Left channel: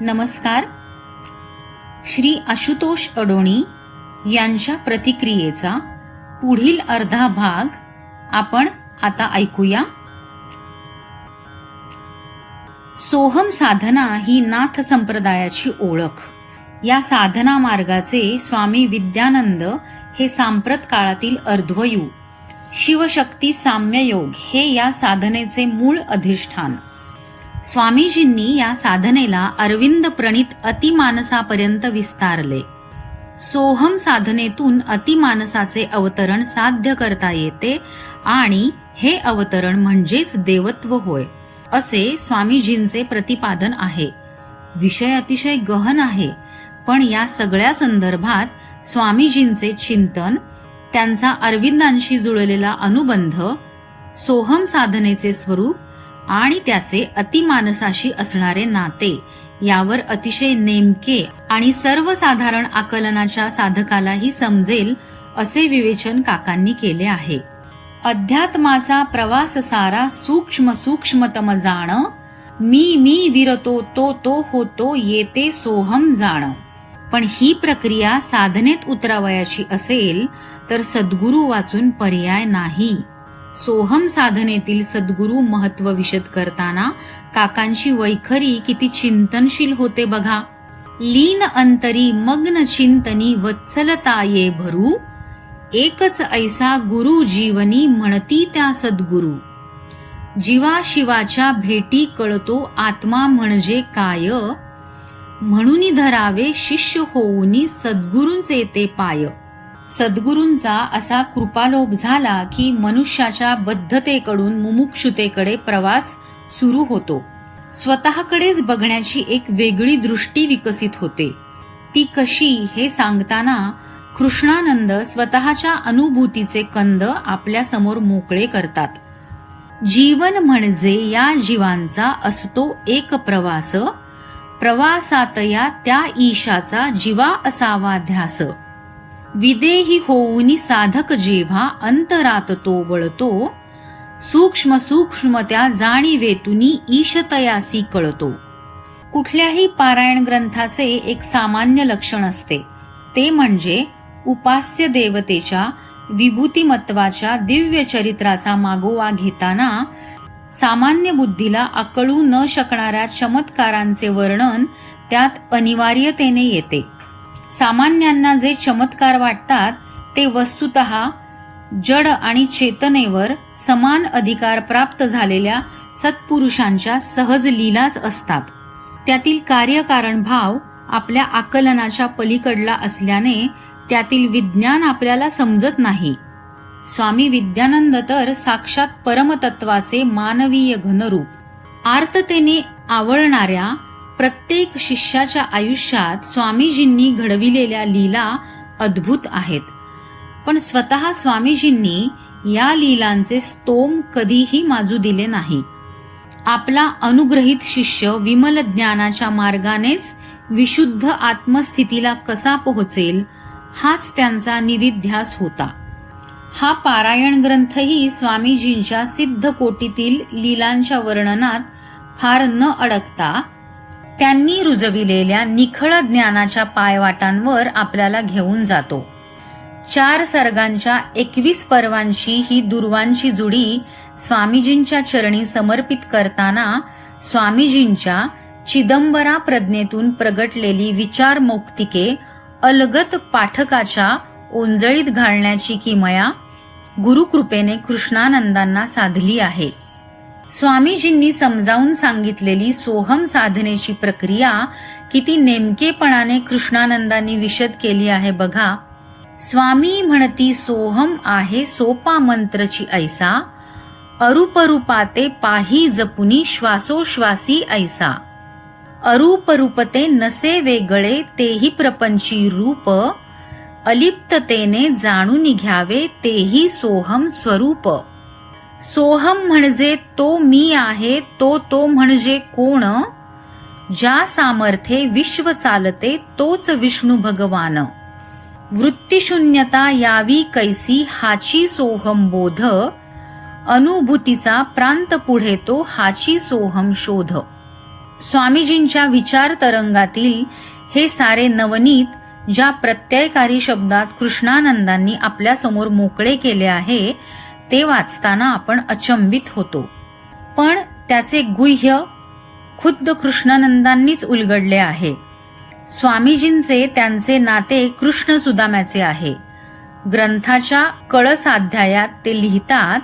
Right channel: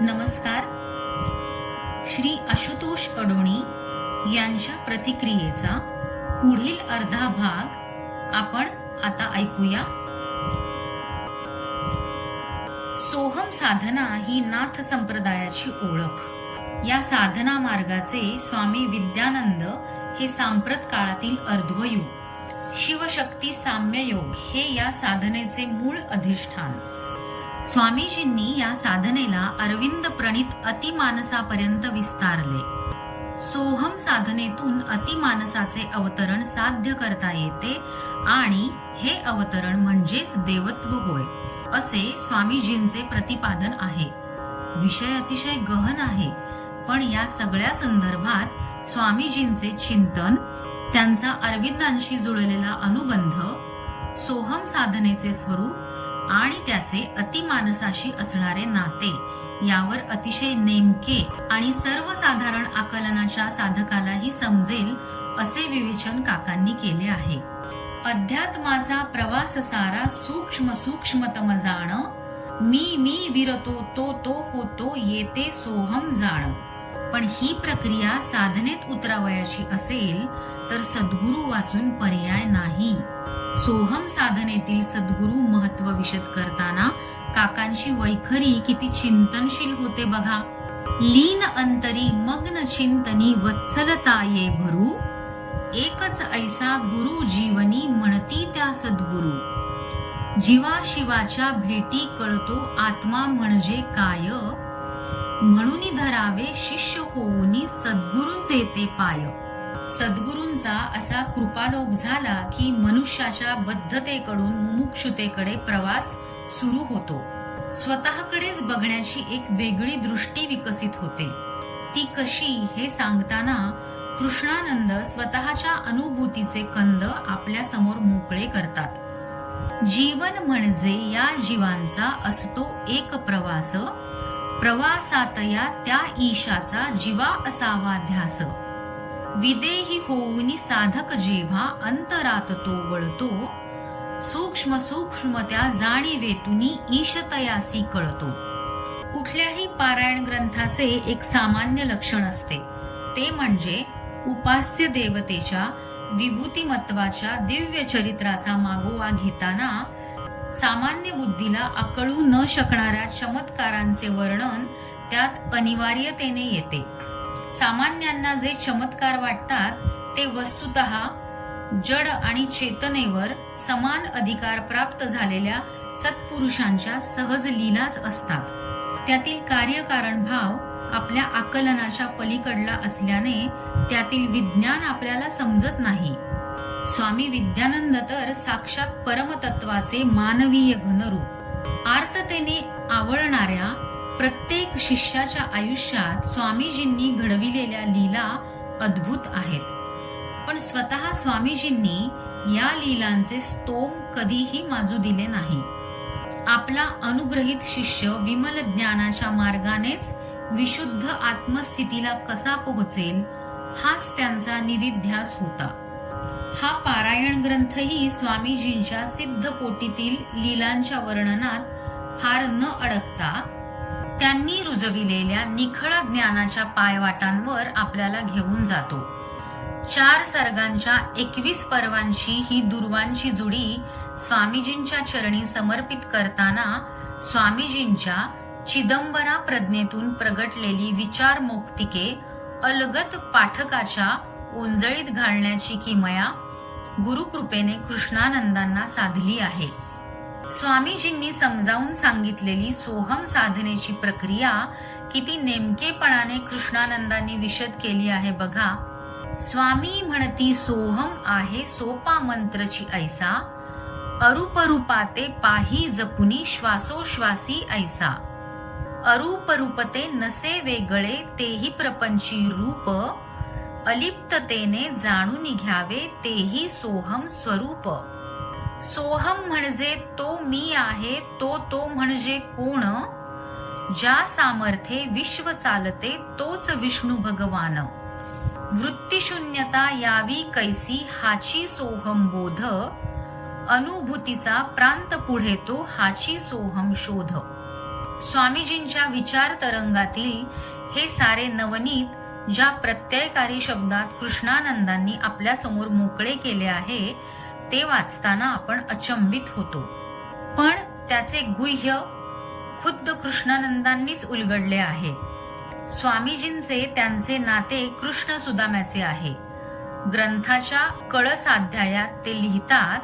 नमस्कार. श्री आशुतोष अडोणी यांच्या प्रतिक्रियेचा पुढील अर्धा भाग आपण आता ऐकूया. सोहम साधना ही नाथ संप्रदायाची ओळख. या साधना मार्गाचे स्वामी विद्यानंद हे सांप्रत काळातील अर्ध्वयू. शिवशक्ती साम्ययोग हे या साधनेचे मूळ अधिष्ठान. स्वामीजींनी या साधनेला अरविंद प्रणित अतिमानसापर्यंत विस्तारले. सोहम साधनेतून अतिमानसाचे अवतरण साध्य करता येते आणि हे अवतरण म्हणजेच देवत्व होय असे स्वामीजींचे प्रतिपादन आहे. विषय अतिशय गहन आहे पण या सगळ्या संदर्भात स्वामीजींचे चिंतन त्यांचा अरविंदांशी जुळलेला अनुबंध सोहम साधनेचे स्वरूप आणि त्याचे अतिमानसाशी असणारे नाते यावर अतिशय नेमके आणि सर्वसाधारण आकलनाच्या साधकालाही समजेल असे विवेचन काकांनी केले आहे. अध्यात्माचा प्रवास सारा सूक्ष्म सूक्ष्मतम जाण मी मी विरतो तो तो होतो येते सोहम जाण. पण ही प्रक्रिया साधनेत उतरावयाची असेल तर सद्गुरू वाचून पर्याय नाही. सोहम साधनेतील सद्गुरू महत्त्व विशद करताना काकांची वैखरी किती चिंतनशील होते बघा. लीन अंतरी मग्न चिंतनी वत्सलता ये भरू. एकच ऐसा गुरु जीवनी म्हणती त्या सद्गुरू. जीवा शिवाच्या भेटी कळतो आत्मा म्हणजे काय? म्हणून धरावे शिष्य होऊनी सद्गुरूंचे ते पाय. सद्गुरूंचा असा कृपालोभ झाला की मनुष्याच्या बद्धतेकडून मुमुक्षुतेकडे प्रवास सुरू होतो. स्वतःकडेच बघण्याची एक वेगळी दृष्टी विकसित होते. ती कशी हे सांगताना कृष्णानंद स्वतःच्या अनुभूतीचे कंद आपल्यासमोर मोकळे करतात. जीवन म्हणजे या जीवांचा असतो एक प्रवास. प्रवासातया त्या ईशाचा जीवा असावा ध्यास. विदेही होऊनी साधक जेव्हा अंतरात तो वळतो सूक्ष्म सूक्ष्म त्या जाणीवेतुनी ईशतयासी कळतो कुठल्याही पारायण ग्रंथाचे एक सामान्य लक्षण असते ते म्हणजे उपास्य देवतेच्या विभूतिमत्वाच्या दिव्य चरित्राचा मागोवा घेताना सामान्य बुद्धीला आकळू न शकणाऱ्या चमत्कारांचे वर्णन त्यात अनिवार्यतेने येते सामान्यांना जे चमत्कार वाटतात ते वस्तुत जड आणि चेतनेवर समान अधिकार प्राप्त झालेल्या सत्पुरुषांच्या सहज लीलाच असतात. त्यातील कार्यकारण भाव आपल्या आकलनाच्या पलीकडला असल्याने त्यातील विज्ञान आपल्याला समजत नाही. स्वामी विद्यानंद तर साक्षात परमतत्वाचे मानवीय घनरूप. आर्ततेने आवळणाऱ्या प्रत्येक शिष्याच्या आयुष्यात स्वामीजींनी घडविलेल्या लीला अद्भुत आहेत. पण स्वतः स्वामीजींनी या लीलांचे स्तोम कधीही माजू दिले नाही. आपला अनुग्रहित शिष्य विमल ज्ञानाच्या मार्गानेच विशुद्ध आत्मस्थितीला कसा पोहोचेल हाच त्यांचा निधिध्यास होता. हा पारायण ग्रंथही स्वामीजींच्या सिद्ध कोटीतील लीलांच्या वर्णनात फार न अडकता त्यांनी रुजविलेल्या निखळ ज्ञानाच्या पायवाटांवर आपल्याला घेऊन जातो. चार सर्गांच्या एकवीस पर्वांची ही दुर्वांची जुडी स्वामीजींच्या चरणी समर्पित करताना स्वामीजींच्या चिदंबरा प्रज्ञेतून प्रगटलेली विचारमुक्तिके अलगत पाठकाच्या ओंजळीत घालण्याची किमया गुरुकृपेने कृष्णानंदांना साधली आहे. स्वामीजींनी समजावून सांगितलेली सोहम साधनेची प्रक्रिया किती नेमकेपणाने कृष्णानंदांनी विशद केली आहे बघा. स्वामी म्हणती सोहम आहे सोपा मंत्रची ऐसा. अरूपरूपाते पाही जपुनी श्वासोश्वासी ऐसा. अरूपरूपते नसे वेगळे तेही प्रपंची रूप. अलिप्ततेने जाणून घ्यावे तेही सोहम स्वरूप. सोहम म्हणजे तो मी आहे तो तो म्हणजे कोण? ज्या सामर्थ्ये विश्व चालते तोच विष्णू भगवान. वृत्तीशून्यता यावी कैसी हाची सोहम बोध अनुभूतीचा प्रांत पुढे तो हाची सोहम शोध. स्वामीजींच्या विचार तरंगातील हे सारे नवनीत ज्या प्रत्ययकारी शब्दात कृष्णानंदांनी आपल्यासमोर मोकळे केले आहे ते वाचताना आपण अचंबित होतो. पण त्याचे गुह्य खुद्द कृष्णानंदांनीच उलगडले आहे. स्वामीजींचे त्यांचे नाते कृष्ण सुदाम्याचे आहे. ग्रंथाच्या कळसाध्यायात ते लिहितात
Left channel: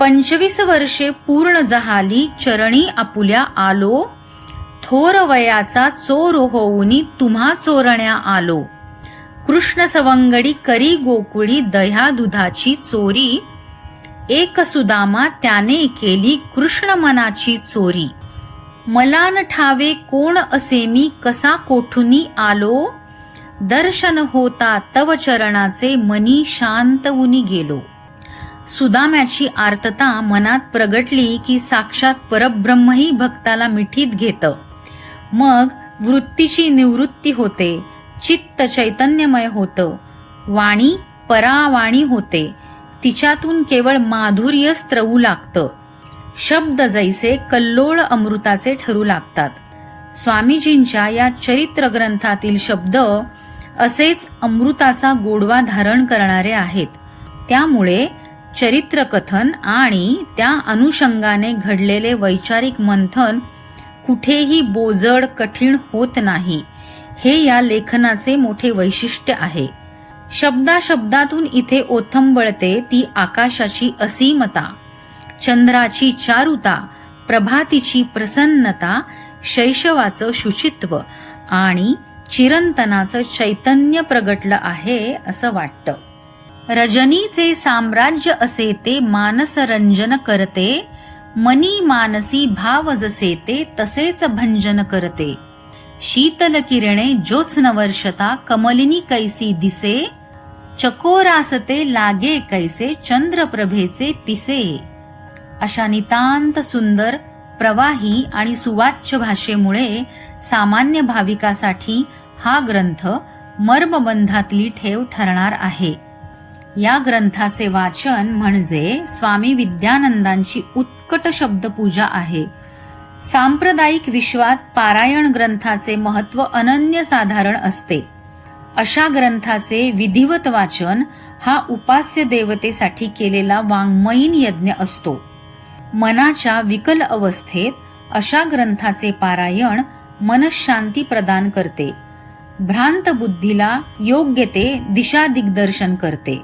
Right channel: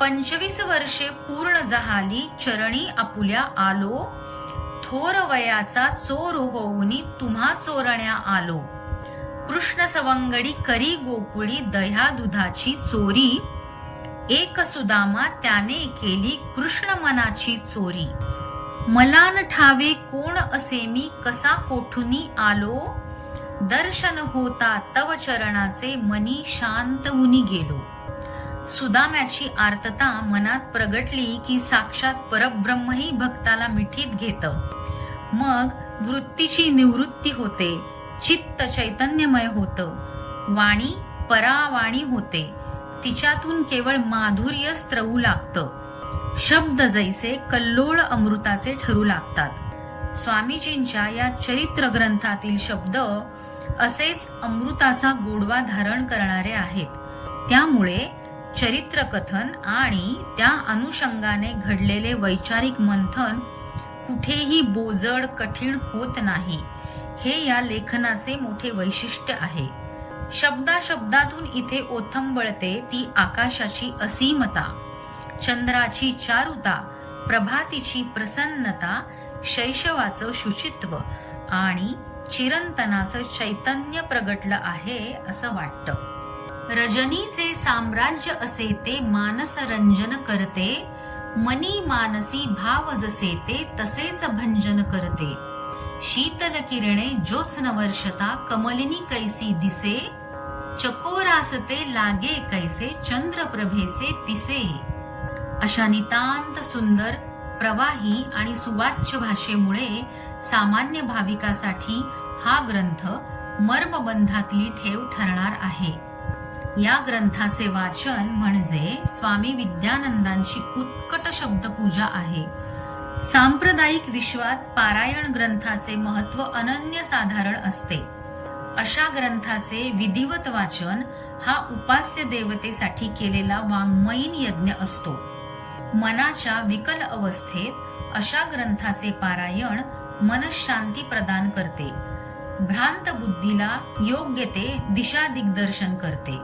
पंचवीस वर्षे पूर्ण जहाली चरणी आपुल्या आलो थोर वयाचा चोर होऊनी तुम्हा चोरण्या आलो. कृष्ण सवंगडी करी गोकुळी दह्या दुधाची चोरी एक सुदामा त्याने केली कृष्ण मनाची चोरी. मला न ठावे कोण असे मी कसा कोठुनी आलो? दर्शन होता तव चरणाचे मनी शांत उनी गेलो. सुदाम्याची आर्तता मनात प्रगटली की साक्षात परब्रह्मही भक्ताला मिठीत घेत. मग वृत्तीची निवृत्ती होते चित्त चैतन्यमय होतं. वाणी परावाणी होते. तिच्यातून केवळ माधुर्य स्त्रवू लागतं. शब्द जैसे कल्लोळ अमृताचे ठरू लागतात. स्वामीजींच्या या चरित्र ग्रंथातील शब्द असेच अमृताचा गोडवा धारण करणारे आहेत. त्यामुळे चरित्रकथन आणि त्या अनुषंगाने घडलेले वैचारिक मंथन कुठेही बोजड कठीण होत नाही. हे या लेखनाचे मोठे वैशिष्ट्य आहे. शब्दा शब्दातून इथे ओथंबळते ती आकाशाची असीमता. चंद्राची चारुता प्रभातीची प्रसन्नता शैशवाचं शुचित्व आणि चिरंतनाचं चैतन्य प्रगटलं आहे असं वाटतं. रजनीचे साम्राज्य असे ते मानस रंजन करते मनी मानसी भाव जसे ते तसेच भंजन करते. शीतल किरणे ज्योत्स्न वर्षता कमलिनी कैसी दिसे चकोरासते लागे कैसे चंद्रप्रभेचे पिसे. अशा नितांत सुंदर प्रवाही आणि सुवाच्य भाषेमुळे सामान्य भाविकासाठी हा ग्रंथ मर्मबंधातली ठेव ठरणार आहे. या ग्रंथाचे वाचन म्हणजे स्वामी विद्यानंदांची उत्कट शब्दपूजा आहे. सांप्रदायिक विश्वात पारायण ग्रंथाचे महत्त्व अनन्यसाधारण असते. अशा ग्रंथाचे विधिवत वाचन हा उपास्य देवतेसाठी केलेला वाङ्मयीन यज्ञ असतो. मनाच्या विकल अवस्थेत अशा ग्रंथाचे पारायण मनशांती प्रदान करते. भ्रांत बुद्धीला योग्य ते दिशा दिग्दर्शन करते.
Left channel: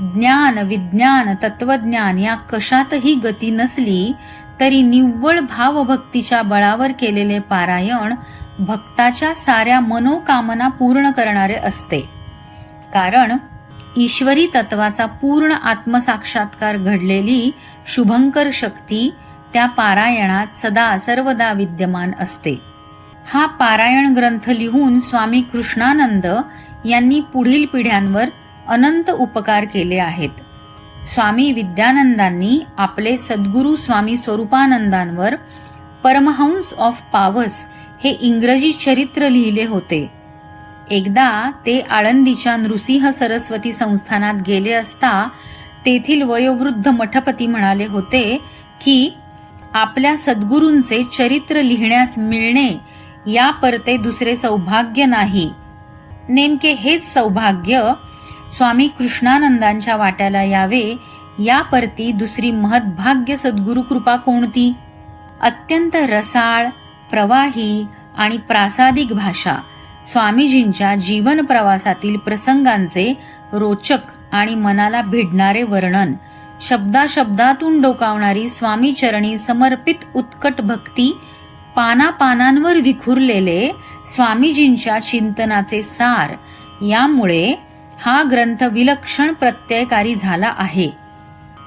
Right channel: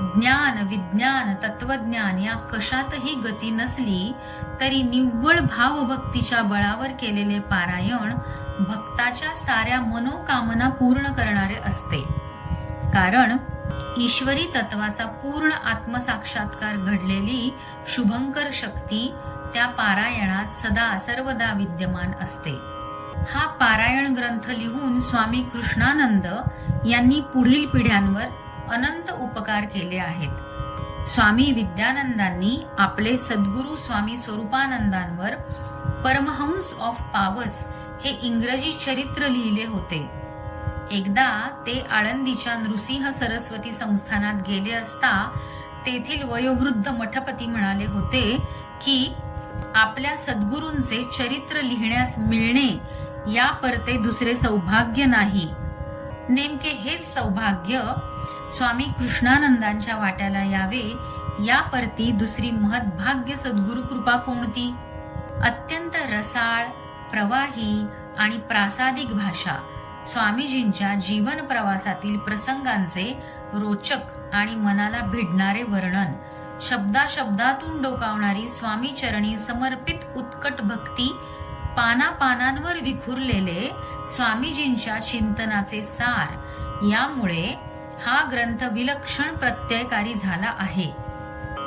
ज्ञान विज्ञान तत्वज्ञान या कशातही गती नसली तरी निव्वळ भावभक्तीच्या बळावर केलेले पारायण भक्ताच्या साऱ्या मनोकामना पूर्ण करणारे असते. कारण ईश्वरी तत्वाचा पूर्ण आत्मसाक्षात्कार घडलेली शुभंकर शक्ती त्या पारायणात सदा सर्वदा विद्यमान असते. हा पारायण ग्रंथ लिहून स्वामी कृष्णानंद यांनी पुढील पिढ्यांवर अनंत उपकार केले आहेत. स्वामी विद्यानंदांनी आपले सद्गुरू स्वामी स्वरूपानंदांवर परमहंस ऑफ पावस हे इंग्रजी चरित्र लिहिले होते. एकदा ते आळंदीच्या नृसिंह सरस्वती संस्थानात गेले असता तेथील वयोवृद्ध मठपती म्हणाले होते की आपल्या सद्गुरूंचे चरित्र लिहिण्यास मिळणे या परते दुसरे सौभाग्य नाही. नेमके हेच सौभाग्य स्वामी कृष्णानंदांच्या वाट्याला यावे या परती दुसरी महद्भाग्य सद्गुरु कृपा कोणती? अत्यंत रसाळ प्रवाही आणि प्रासादिक भाषा. स्वामीजींच्या जीवन प्रवासातील प्रसंगांचे रोचक आणि मनाला भिडणारे वर्णन. शब्दाशब्दातून डोकावणारी स्वामी चरणी समर्पित उत्कट भक्ती पानापानांवर विखुरलेले स्वामीजींच्या चिंतनाचे सार. यामुळे हा ग्रंथ विलक्षण प्रत्ययकारी झाला आहे.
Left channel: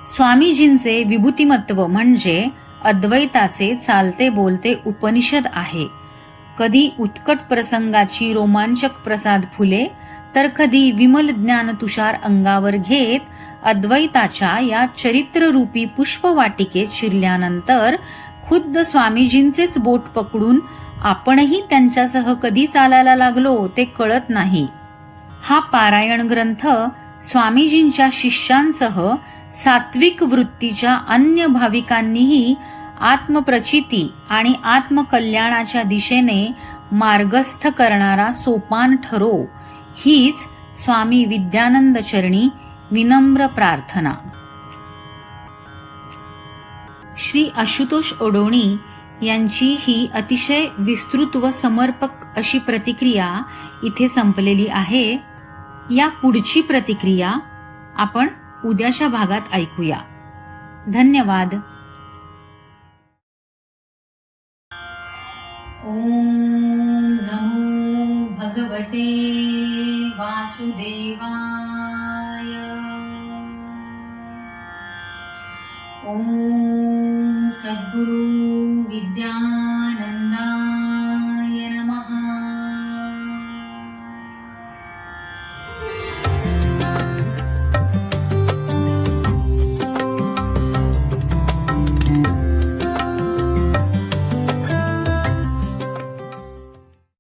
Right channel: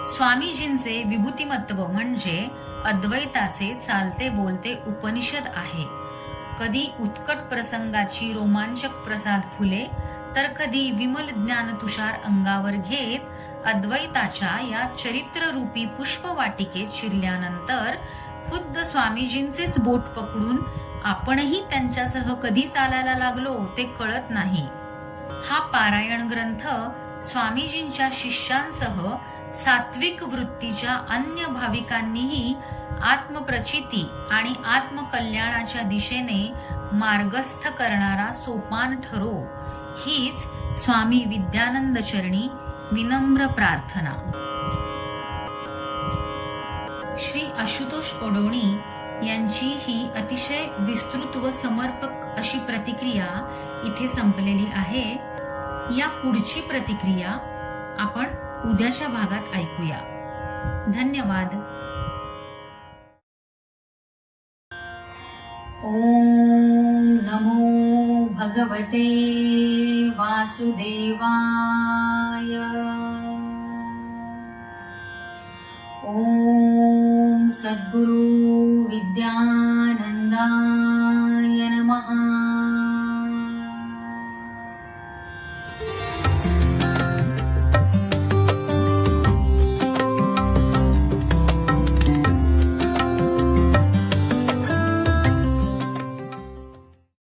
स्वामीजींचे विभूतिमत्व म्हणजे अद्वैताचे चालते बोलते उपनिषद आहे. कधी उत्कट प्रसंगाची रोमांचक प्रसाद फुले तर कधी विमल ज्ञान तुषार अंगावर घेत अद्वैताच्या या चरित्ररूपी पुष्पवाटिकेत शिरल्यानंतर खुद्द स्वामीजींचेच बोट पकडून आपणही त्यांच्यासह कधी चालायला लागलो ते कळत नाही. हा पारायण ग्रंथ स्वामीजींच्या शिष्यांसह सात्विक वृत्तीच्या अन्य भाविकांनीही आत्मप्रचिती आणि आत्मकल्याणाच्या दिशेने मार्गस्थ करणारा सोपान ठरो हीच स्वामी विद्यानंद चरणी विनम्र प्रार्थना. श्री आशुतोष ओडोणी यांची ही अतिशय विस्तृत व समर्पक अशी प्रतिक्रिया इथे संपलेली आहे. या पुढची प्रतिक्रिया आपण उद्याच्या भागात ऐकूया. धन्यवाद. ॐ नमो भगवते वासुदेवाय. ॐ सद्गुरु